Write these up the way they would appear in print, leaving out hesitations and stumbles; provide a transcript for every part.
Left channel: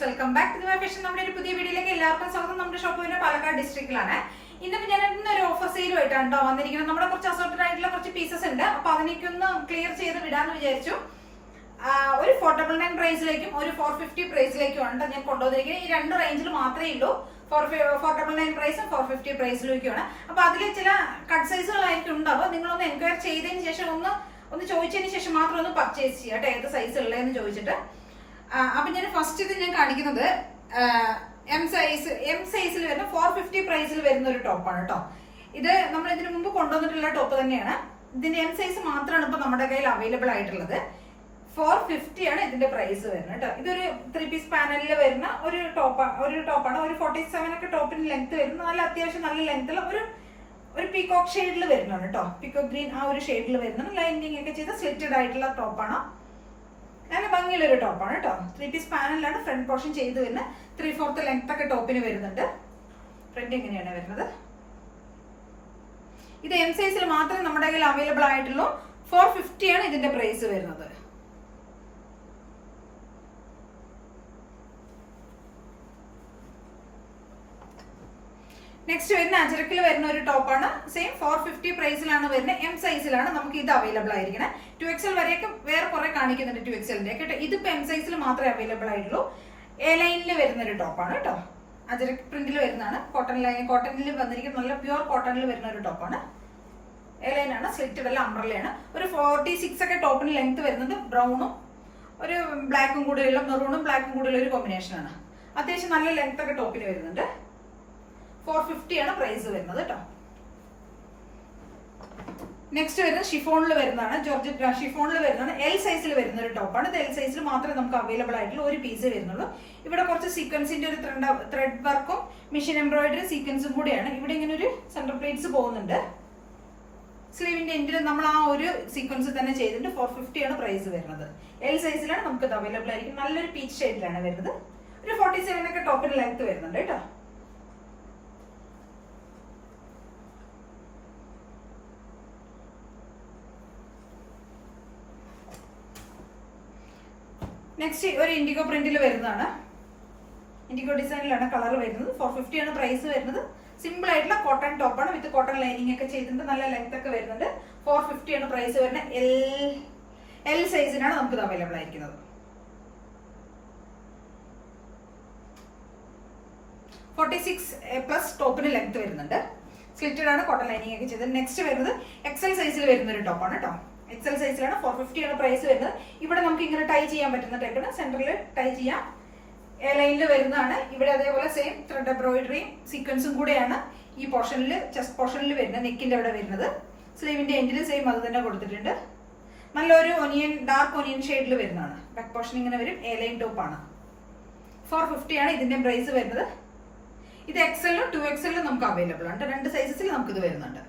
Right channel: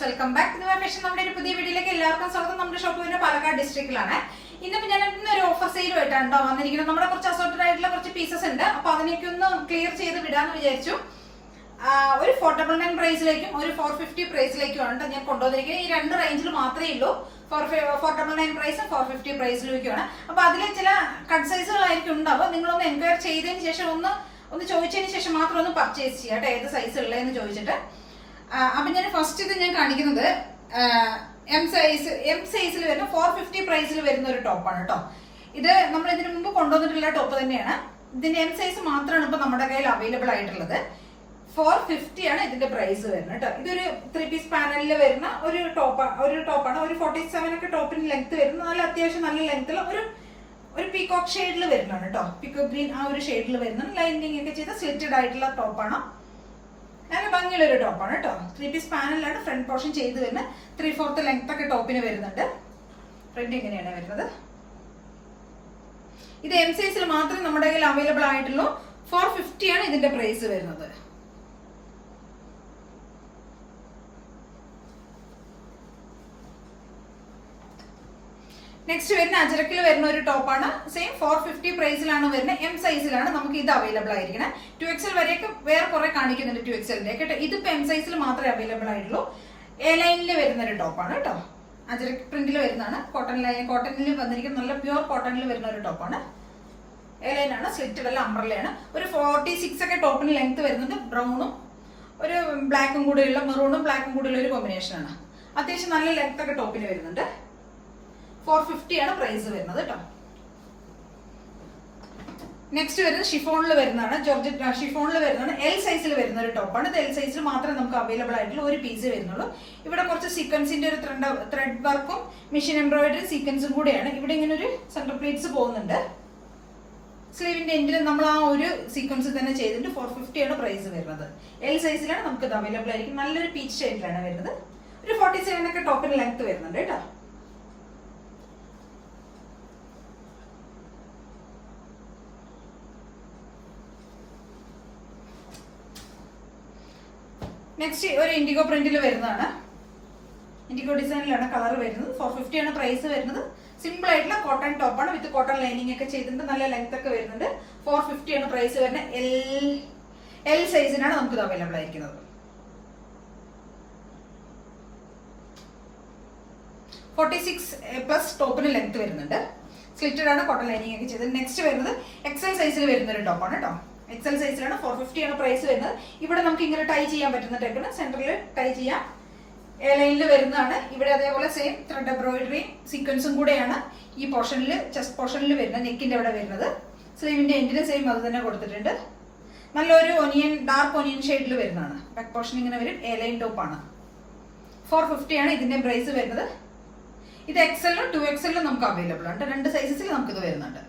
Viewers, welcome back to fashion. നമ്മുടെ ഒരു പുതിയ വീഡിയോയിലേക്ക് എല്ലാവർക്കും സ്വാഗതം. നമ്മുടെ ഷോപ്പ് വരുന്നത് പാലക്കാട് ഡിസ്ട്രിക്റ്റിലാണ്. ഇന്നിപ്പോൾ ഞാൻ ഇന്നൊരു ഓഫർ സെയിലുമായിട്ടാണ് വന്നിരിക്കുന്നത്. നമ്മുടെ കുറച്ച് അസോർട്ടഡ് ആയിട്ടുള്ള കുറച്ച് പീസസ് ഉണ്ട്. അപ്പൊ അതിനൊക്കെ ഒന്ന് ക്ലിയർ ചെയ്ത് വിടാന്ന് വിചാരിച്ചു. ഒരു 499 പ്രൈസിലേക്കും ഒരു 450 പ്രൈസിലേക്കുമാണ് ഞാൻ കൊണ്ടുവന്നിരിക്കുന്നത്. ഈ രണ്ട് റേഞ്ചിൽ മാത്രമേ ഉള്ളൂ. 499 പ്രൈസും 450 പ്രൈസിലേക്കുമാണ്. അപ്പൊ അതിൽ ചില കട്ട് സൈസുകളായിരിക്കും ഉണ്ടാവുക. നിങ്ങളൊന്ന് എൻക്വയർ ചെയ്തതിന് ശേഷം ഒന്ന് ചോദിച്ചതിന് ശേഷം മാത്രം ഒന്ന് പർച്ചേസ് ചെയ്യാം. ഏത് സൈസ് ഉള്ളതെന്ന് ചോദിച്ചിട്ട്. അപ്പൊ ഞാൻ ഫസ്റ്റ് ഇത് ഞാൻ കാണിക്കുന്നത് എം സൈസിൽ വരുന്ന 450 പ്രൈസിൽ വരുന്ന ഒരു ടോപ്പാണ് കേട്ടോ. ഇത് നമ്മൾ ഇതിനു മുമ്പ് കൊണ്ടുവന്നിട്ടുള്ള ടോപ്പ് തന്നെയാണ്. ഇതിന്റെ എം സൈസ് മാത്രമാണ് ഇപ്പൊ നമ്മുടെ കയ്യിൽ അവൈലബിൾ ആയിട്ടുള്ളത്. 450 ആണ് ഇതിന്റെ പ്രൈസ് വരുന്നത് കേട്ടോ. ഇതൊരു 3 പീസ് പാനലിൽ വരുന്ന ഒരു ടോപ്പാണ്. ഒരു 47 ഒക്കെ ടോപ്പിന് ലെങ്ത് വരുന്ന നല്ല അത്യാവശ്യം നല്ല ലെങ്ത്തുള്ള ഒരു പീകോക്ക് ഷെയ്ഡിൽ വരുന്നതാണ് കേട്ടോ. പീകോക്ക് ഗ്രീൻ ആ ഒരു ഷെയ്ഡിൽ വരുന്നത് ലൈനിങ് ഒക്കെ ചെയ്ത സ്ലിറ്റഡ് ആയിട്ടുള്ള ടോപ്പാണ്. നല്ല ഭംഗിയുള്ള ഒരു ടോപ്പാണ് കേട്ടോ. 3 പീസ് പാനലിലാണ് ഫ്രണ്ട് പോർഷൻ ചെയ്ത് വരുന്നത്. 3/4 ലെങ്ത് ഒക്കെ ടോപ്പിന് വരുന്നുണ്ട്. ഫ്രണ്ട് എങ്ങനെയാണ് വരുന്നത്? ഇത് എം സൈസിൽ മാത്രമേ നമ്മുടെ കയ്യിൽ അവൈലബിൾ ആയിട്ടുള്ളൂ. 450 ആണ് ഇതിന്റെ പ്രൈസ് വരുന്നത്. നെക്സ്റ്റ് വരുന്ന അജരക്കിൽ വരുന്ന ഒരു ടോപ്പാണ്. സെയിം 450 പ്രൈസിലാണ് വരുന്നത്. എം സൈസിലാണ് നമുക്ക് ഇത് അവൈലബിൾ ആയിരിക്കണം. 2XL വരെയൊക്കെ വേറെ കുറെ കാണിക്കുന്നുണ്ട് 2XLന്റെ കേട്ടോ. ഇതിപ്പോ എം സൈസിൽ മാത്രമേ അവൈലബിൾ ആയിട്ടുള്ളൂ. എ ലൈനിൽ വരുന്ന ഒരു ടോപ്പാണ് കേട്ടോ. അജരക് പ്രിന്റിൽ വരുന്നതാണ്. കോട്ടണിൽ വന്നിരിക്കുന്ന നല്ല പ്യൂർ കോട്ടണിൽ വരുന്ന ഒരു ടോപ്പാണ്. എ ലൈനാണ്, സ്ലിറ്റഡ് അല്ല, അംബ്രല്ലയാണ്. ഒരു 46 ഒക്കെ ടോപ്പിന് ലെങ്ത് വരുന്നത്. ബ്രൗണും ഒരു ബ്ലാക്കും കൂടെയുള്ള, മെറൂണും ബ്ലാക്കും കൂടെയുള്ള ഒരു കോമ്പിനേഷൻ ആണ്. അത്യാവശ്യം നല്ല ലെങ്ത് ഒക്കെ ടോപ്പിന് വരുന്നുണ്ട്. 450 ആണ് പ്രൈസ് വരുന്നത് കേട്ടോ. നെക്സ്റ്റ് വരുന്നത് ഷിഫോണിൽ വരുന്നതാണ്. ജോർജറ്റ് ഷിഫോണിൽ വരുന്നതാണ്. എൽ സൈസിൽ വരുന്ന ഒരു ടോപ്പാണ്. ഇത് എൽ സൈസിൽ മാത്രമേ നമുക്ക് അവൈലബിൾ ആയിട്ടുള്ള ഒരു പീസ് വരുന്നുള്ളൂ. ഇവിടെ കുറച്ച് സീക്വൻസിന്റെ ഒരു ത്രെഡ് വർക്കും മെഷീൻ എംബ്രോയിഡറി സീക്വൻസും കൂടെയാണ്. ഇവിടെ ഇങ്ങനെ ഒരു സെന്റർ പ്ലീറ്റ്സ് പോകുന്നുണ്ട്. സ്ലീവിന്റെ എൻഡിൽ നമ്മൾ ആ ഒരു സീക്വൻസ് തന്നെ ചെയ്തിട്ട് 450 ആണ് പ്രൈസ് വരുന്നത്. എൽ സൈസിലാണ് നമുക്ക് ഇത് അവൈലബിൾ ആയിരിക്കും. നല്ലൊരു പീച്ച് ഷെയ്ഡിലാണ് വരുന്നത്. ഒരു 47 ഒക്കെ ടോപ്പിന് ലെങ്ത് വരുന്നുണ്ട് കേട്ടോ. നെക്സ്റ്റ് ഒരു ഇൻഡിഗോ പ്രിന്റിൽ വരുന്നതാണ്. ഇൻഡിഗോ ഡിസൈനിലാണ് കളർ വരുന്നത്. 450 ആണ് പ്രൈസ് വരുന്നത്. സിമ്പിൾ ആയിട്ടുള്ള കോട്ടൺ ടോപ്പാണ്. വിത്ത് കോട്ടൺ ലൈനിങ് ഒക്കെ ചെയ്തിട്ടുണ്ട്. നല്ല ലെങ്ത് ഒക്കെ വരുന്നുണ്ട്. 450 ആണ് പ്രൈസ് വരുന്നത്. എൽ സൈസിനാണ് നമുക്കിത് അവൈലബിൾ ആയിരിക്കുന്നത്. 46+ ടോപ്പിന് ലെങ്ത് വരുന്നുണ്ട്. സ്ലിറ്റഡ് ആണ്, കോട്ടൺ ലൈനിങ് ഒക്കെ ചെയ്തത്. നെക്സ്റ്റ് വരുന്നത് XL സൈസിൽ വരുന്ന ഒരു ടോപ്പാണ് കേട്ടോ. XL സൈസിലാണ്. 450 ആണ് പ്രൈസ് വരുന്നത്. ഇവിടെ നമുക്ക് ഇങ്ങനെ ടൈ ചെയ്യാൻ പറ്റുന്ന ടൈപ്പിന് സെന്ററിൽ ടൈ ചെയ്യാം. എ ലൈനിൽ വരുന്നതാണ്. ഇവിടെ അതേപോലെ സെയിം ത്രെഡ് എംബ്രോയിഡറിയും സീക്വൻസും കൂടെയാണ് ഈ പോർഷനിൽ, ചെസ്റ്റ് പോർഷനിൽ വരുന്നത്. നെക്കിന്റെ അവിടെ വരുന്നത്. സ്ലീവിന്റെ എൻഡിൽ സെയിം അത് തന്നെ കൊടുത്തിട്ടുണ്ട്. നല്ലൊരു ഡാർക്ക് ഒനിയൻ ഷെയ്ഡിൽ വരുന്നതാണ്. ബാക്ക് പോർഷൻ ഇങ്ങനെ വരും. എ ലൈൻ ടോപ്പാണ്. 450 ആണ് ഇതിന്റെ പ്രൈസ് വരുന്നത്. ഇത് XL 2XL നമുക്ക് അവൈലബിൾ ആണ്. രണ്ട് സൈസസിൽ നമുക്കിത് വരുന്നുണ്ട്.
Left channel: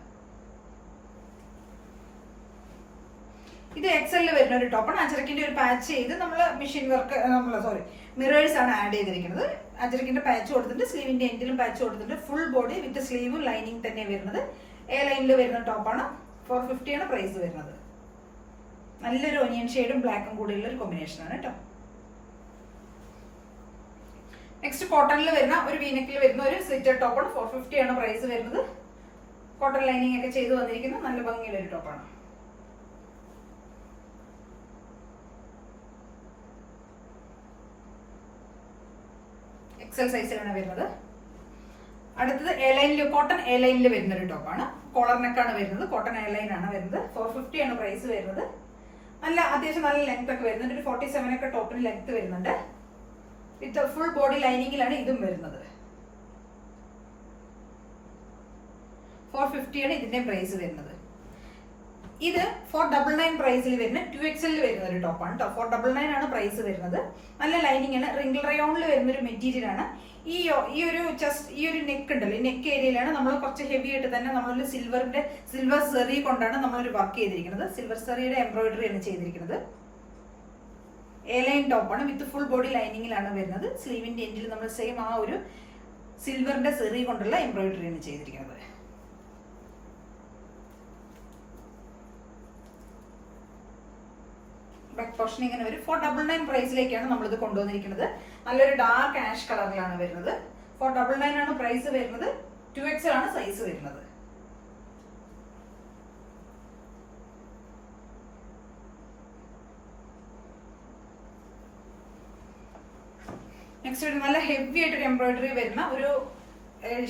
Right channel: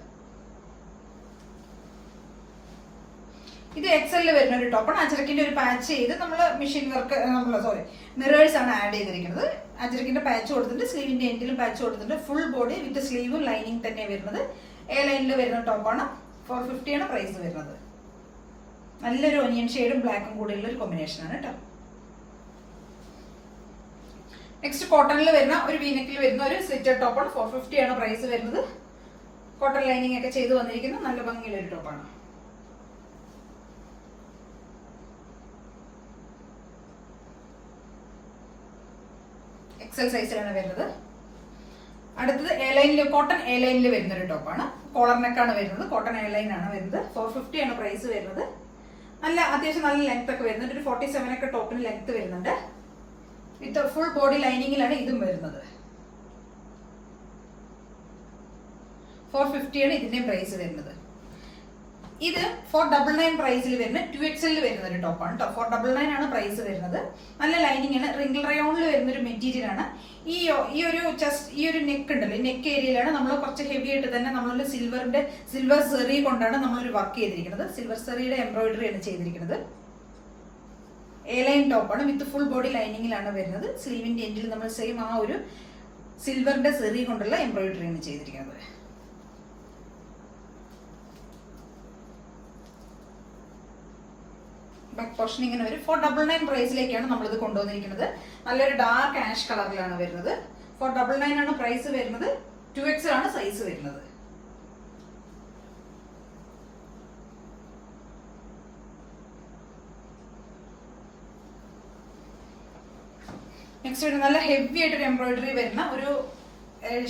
ഇത് XL വരുന്ന ഒരു ടോപ്പാണ്. അജരക്കിന്റെ ഒരു പാച്ച് ചെയ്ത് നമ്മൾ മെഷീൻ വർക്ക് മിറേഴ്സ് ആണ് ആഡ് ചെയ്തിരിക്കുന്നത്. അജരക്കിന്റെ പാച്ച് കൊടുത്തിട്ടുണ്ട്. സ്ലീവിന്റെ എൻഡിലും പാച്ച് കൊടുത്തിട്ടുണ്ട്. ഫുൾ ബോഡി വിത്ത് സ്ലീവും ലൈനിങ് തന്നെ വരുന്നത്. എ ലൈനിൽ വരുന്ന ടോപ്പാണ്. 450 ആണ് പ്രൈസ് വരുന്നത്. നല്ലൊരു ഒനിയൻ ഷെയ്ഡും ബ്ലാക്കും കൂടെയുള്ള ഒരു കോമ്പിനേഷൻ ആണ് കേട്ടോ. നെക്സ്റ്റ് കോട്ടണിൽ വരുന്ന ഒരു വീനെക്കിൽ വരുന്ന ഒരു സ്ലിറ്റഡ് ടോപ്പാണ്. 450 ആണ് പ്രൈസ് വരുന്നത്. കോട്ടൺ ലൈനിങ് ഒക്കെ ചെയ്ത് വന്നിരിക്കുന്ന നല്ല ഭംഗിയുള്ള ഒരു ടോപ്പാണ്. XL സൈസിലാണ് വരുന്നത്. അടുത്തത് എ ലൈനിൽ, കോട്ടൺ എ ലൈനിൽ വരുന്ന ഒരു ടോപ്പാണ്. കോളർ നെക്കാണ് വരുന്നത്. കോട്ടൺ എ ലൈൻ ആണ് വരുന്നത്. 450 ആണ് പ്രൈസ് വരുന്നത്. നല്ല അത്യാവശ്യം നല്ല ലെങ്ത് ഒക്കെ വരുന്നുണ്ട്. ഒരു 47 ഒക്കെ ടോപ്പിന് ലെങ്ത് വരുന്നുണ്ട്. വിത്ത് ഫുൾ ബോഡി ലൈനിങ്ങിലാണ് ഇതും വരുന്നത്. 450 ആണ് ഇതിന്റെ പ്രൈസ് വരുന്നത്. ഇത് 499 പ്രൈസിൽ വരുന്ന 2XL വരുന്ന ഒരു ടോപ്പാണ് കേട്ടോ. 499 ആണ് പ്രൈസ് വരുന്നത്. നല്ല ലൈനിങ് ആണ്. റിംഗിൾ റയോണിൽ വരുന്ന ഒരു മെറ്റീരിയൽ ആണ്. ഈ ഒരു നെക്ക് ഉണ്ടല്ലോ, ഈ നെക്ക് ഏരിയയിലാണ് നമ്മൾ കുറച്ച് ഹെവി ആയിട്ട് തന്നെ നമ്മളൊരു സിൽവർ സെറി കൊണ്ടാണ് നമ്മളൊരു വർക്ക് ചെയ്തിരിക്കുന്നത്. സിൽവർ സെറിയുടെ എംബ്രോയിഡറി ആണ് ചെയ്തിരിക്കുന്നത്. എ ലൈൻ ടോപ്പാണ്. വിത്ത് ഫുൾ ബോഡി ലൈനിങ്ങിലാണ് വരുന്നത്. സ്ലീവിന്റെ എൻഡിൽ നമ്മൾ സെയിം ആ ഒരു സിൽവറിന്റെ സെറി കൊണ്ടുള്ള എംബ്രോയിഡറി ആണ് ചെയ്തിരിക്കുന്നത്. ബാക്ക് പോർഷൻ ഇങ്ങനെ വരും. 499 പ്രൈസിലേക്കാണ് നമ്മളിത് കൊണ്ടുവന്നിരിക്കുന്നത്. നല്ലൊരു ഡാർക്ക് ആഷ് കളറിലാണ് വരുന്നത്. 499 ആണ് പ്രൈസ് വരുന്നത്. 2XL ആണ് സൈസ് വരുന്നത്. നെക്സ്റ്റ് വരുന്ന നല്ല ഹെവി ആയിട്ടൊരു എംബ്രോയിഡറി വരുന്ന ഒരു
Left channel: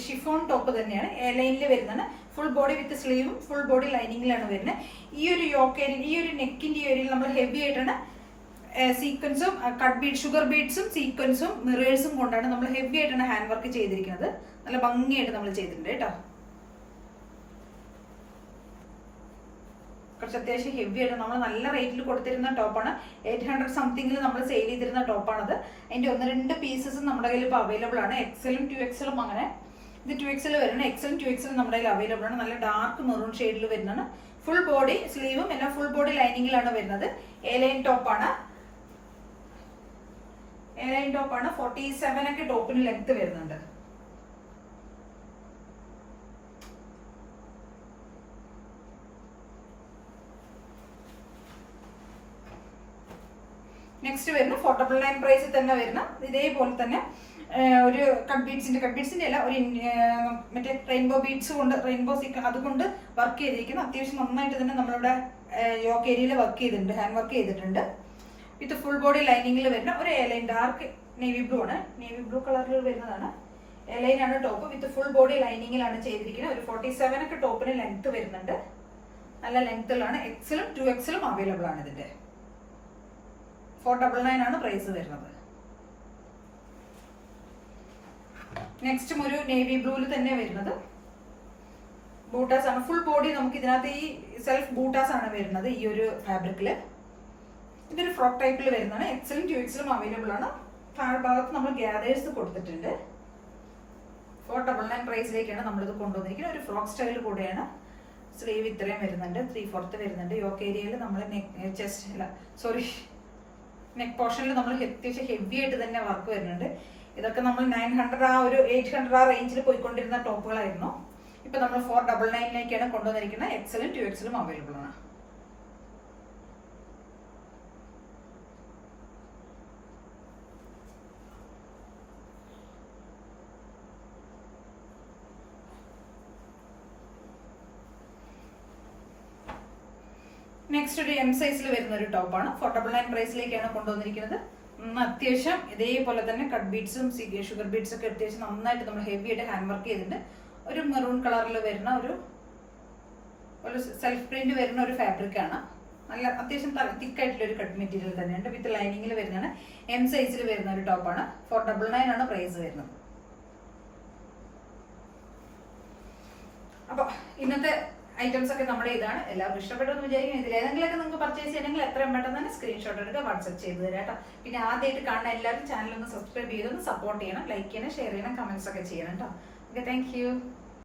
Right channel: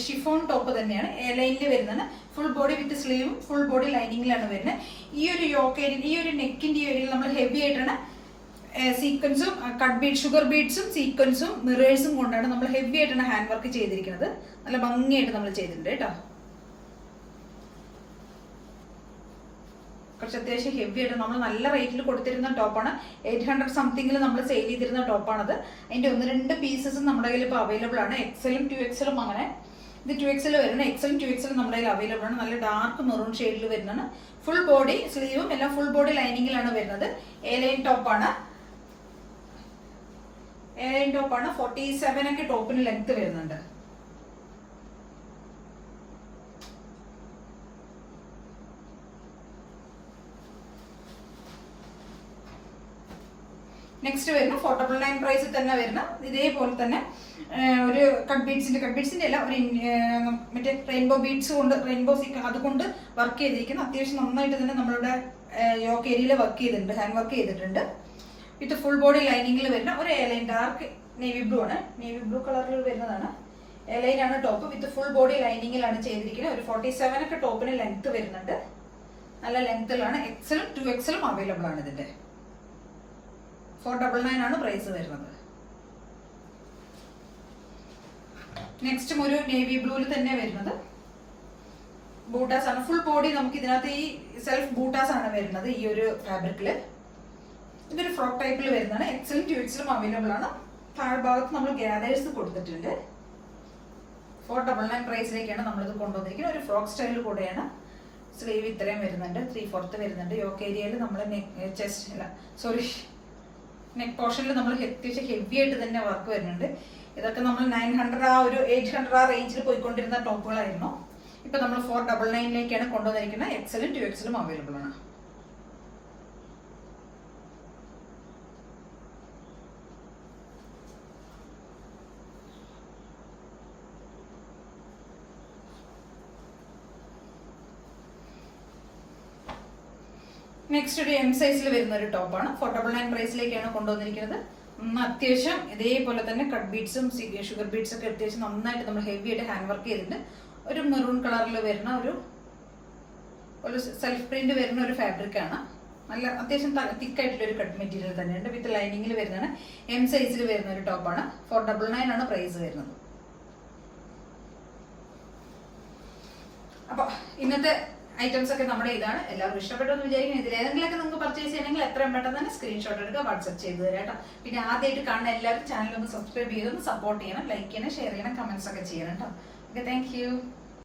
ഷിഫോൺ ടോപ്പ് തന്നെയാണ്. എ ലൈനിൽ വരുന്നതാണ്. ഫുൾ ബോഡി വിത്ത് സ്ലീവും ഫുൾ ബോഡി ലൈനിങ്ങിലാണ് വരുന്നത്. ഈ ഒരു യോക്ക് ഏരിയ, ഈ ഒരു നെക്കിന്റെ ഏരിയയിൽ നമ്മൾ ഹെവി ആയിട്ടാണ് സീക്വൻസും കട്ട് ബീഡ്, ഷുഗർ ബീഡ്സും സീക്വൻസും മിറേഴ്സും കൊണ്ടാണ് നമ്മൾ ഹെവി ആയിട്ടാണ് ഹാൻഡ് വർക്ക് ചെയ്തിരിക്കുന്നത്. നല്ല ഭംഗിയായിട്ട് നമ്മൾ ചെയ്തിട്ടുണ്ട് കേട്ടോ. കുറച്ച് അത്യാവശ്യം ഹെവി ആയിട്ട് നമ്മൾ നല്ല റേറ്റിൽ കൊടുത്തിരുന്ന ടോപ്പാണ്. 800 സംതിങ്ങിൽ നമ്മൾ സെയിൽ ചെയ്തിരുന്ന ടോപ്പാണത്. അതിന്റെ 1-2 പീസസും നമ്മുടെ കയ്യിൽ ഇപ്പോൾ അവൈലബിൾ ആണ്. XL-ഉം 2XL-ഉം അങ്ങനെ. ഇത് 2XL വരുന്നത്. XL-ഉം 2XL നമ്മുടെ കയ്യിൽ അവൈലബിൾ ആണ്. നല്ല ഡാർക്ക് മെറൂൺ ഷെയ്ഡിൽ വരുന്നതാണ്. ഫുൾ ബോഡി സ്ലീവും എല്ലാം ഫുൾ ബോഡി ലൈനിങ്ങിലാണ് വരുന്നത്. എ ലൈൻ ടോപ്പാണ്. 47 ഒക്കെ ടോപ്പിന് ലെങ്ത് വരുന്നുണ്ട്. നെക്സ്റ്റ് വരുന്ന 499 പ്രൈസിൽ തന്നെ വരുന്ന ഇതേപോലെ തന്നെ ഒരു കട്ട് ബീഡ്സിന്റെ അല്ല, ഒരു മറ്റേ റെയിൻബോ ബീഡ്സ് കൊണ്ട്, റെയിൻബോ അതുകൊണ്ട് വർക്ക് ചെയ്തിരിക്കുന്നു. അത്യാവശ്യം നന്നായിട്ട് തന്നെ നമ്മളിവിടെ യോക്ക് ഏരിയയിൽ വർക്ക് ചെയ്തിട്ടുണ്ട്, ഹാൻഡ് വർക്ക് ചെയ്തിട്ടുണ്ട്. വിത്ത് ഫുൾ ബോഡി ലൈനിങ്ങിൽ വരുന്ന ഒരു A line, dark navy blue ആണ്, നേവി ബ്ലൂ കളറിൽ വരുന്നതാണ്. എ ലൈൻ ആണ് ടോപ്പ്. വിത്ത് ഫുൾ ബോഡി ലൈനിങ്ങിലാണ് ചെയ്തിരിക്കുന്നത്. ഒരു 47 ഒക്കെ ടോപ്പിന് ലെങ്ത് വരുന്നുണ്ട്. നല്ല ലെങ്ത്തിലാണ്. XL-ഉം 2XL-ഉം അവൈലബിൾ ആണ്. ഇതിന്റെ 499 ആണ് പ്രൈസ് വരുന്നത്. നെക്സ്റ്റും ഒരു നേവി ബ്ലൂവിൽ തന്നെ വരുന്നത് ബൂട്ടാസ് ആണ്. ഫുൾ ബോഡി നമുക്ക് ഇതിനകത്ത് ഈ സെൽഫ് ബൂട്ടാസ് ആണ് വരുന്നത് ഈ ഒരു ഫാബ്രിക്കില്. ഇതൊരു ഫ്രോക്ക് ടൈപ്പിൽ വരുന്നതാണ്. XL-ഉം 2XL-ഉം അവൈലബിൾ ആണ്. താഴ്ഭാഗത്ത് നമ്മൾ ഗ്യാദേഴ്സ് കൊടുത്തിട്ടുണ്ട്. 499 പ്രൈസിലേക്കാണ് നമ്മളിത് കൊണ്ടുവന്നിരിക്കുന്നത്. ഒരു ഫ്രോക്ക് സ്റ്റൈൽ കൂടെയാണ്. സ്ലീവ് ഇത്രയും വരുന്നുണ്ട്, 3/4 വരുന്നുണ്ട്. യോക്ക് ഏരിയയിൽ നമ്മൾ നെക്ക് പോർഷനിൽ നമ്മൾ അത്യാവശ്യം ഹെവി ആയിട്ട് തന്നെ വർക്ക് വരുന്നുണ്ട്. ഇതൊക്കെ നമ്മൾ 900 ആ ഒരു 800 ആ റേഞ്ചിൽ പോയിക്കൊണ്ടിരുന്ന ടോപ്പുകളായിരുന്നു. ഇപ്പൊ നമ്മൾ 499ലേക്കാണ് കൊണ്ടുവന്നിരിക്കുന്നത്. XL-ഉം 2XL-ഉം അവൈലബിൾ ആണ്. നെക്സ്റ്റ് ഒരു M സൈസിൽ വരുന്ന ഒരു ടോപ്പാണ്. 499 പ്രൈസിലേക്കാണ് കൊണ്ടുവന്നിരിക്കുന്നത്. അത്യാവശ്യം ഇതേപോലെ തന്നെ കട്ട് ബീഡ്സും ഷുഗർ ബീഡ്സും ഒക്കെ അത്യാവശ്യം നന്നായിട്ട് നമ്മൾ ഹെവി ആയിട്ട് ഹാൻഡ് വർക്ക് ചെയ്തിട്ടുണ്ട്. ഒരു മെറൂൺ കളറിൽ വരുന്ന ഒരു സെൽഫ് പ്രിന്റ് വരുന്ന ഒരു ഫാബ്രിക് ആണ്. നല്ല അത്യാവശ്യം തിക്കായിട്ടുള്ള ഒരു കട്ട് മെറ്റീരിയൽ തന്നെയുണ്ട്. വിത്ത് ലൈനിങ്ങിൽ വരുന്നതാണ്. M സൈസിൽ വരുന്ന ഒരു ടോപ്പാണ്. 499 ആണ് പ്രൈസ് വരുന്നത്. അപ്പൊ ഇന്നത്തെ ഐറ്റംസ് ഒക്കെ നമ്മുടെ ഇതാണ്. എല്ലാവർക്കും ഇഷ്ടപ്പെട്ടു എന്ന് വിചാരിക്കുന്നത്. ഇതിൽ ഏതെങ്കിലുമൊക്കെ നിങ്ങൾക്ക് പർച്ചേസ് ചെയ്യണമെങ്കിൽ എത്രയും പെട്ടെന്ന് തന്നെ സ്ക്രീൻഷോട്ട് എടുക്കുക, വാട്സ്ആപ്പ് ചെയ്ത് തരാം കേട്ടോ. പിന്നെ ആദ്യമായിട്ട് കാണുന്ന എല്ലാവരും ചാനൽ ഒന്ന് സബ്സ്ക്രൈബ് ചെയ്തൊന്ന് സപ്പോർട്ട് ചെയ്യണം, ലൈക്ക് ചെയ്യണം, ഷെയർ ചെയ്യണം, കമന്റ്സ് ഒക്കെ ചെയ്യണം കേട്ടോ. Okay, thank you.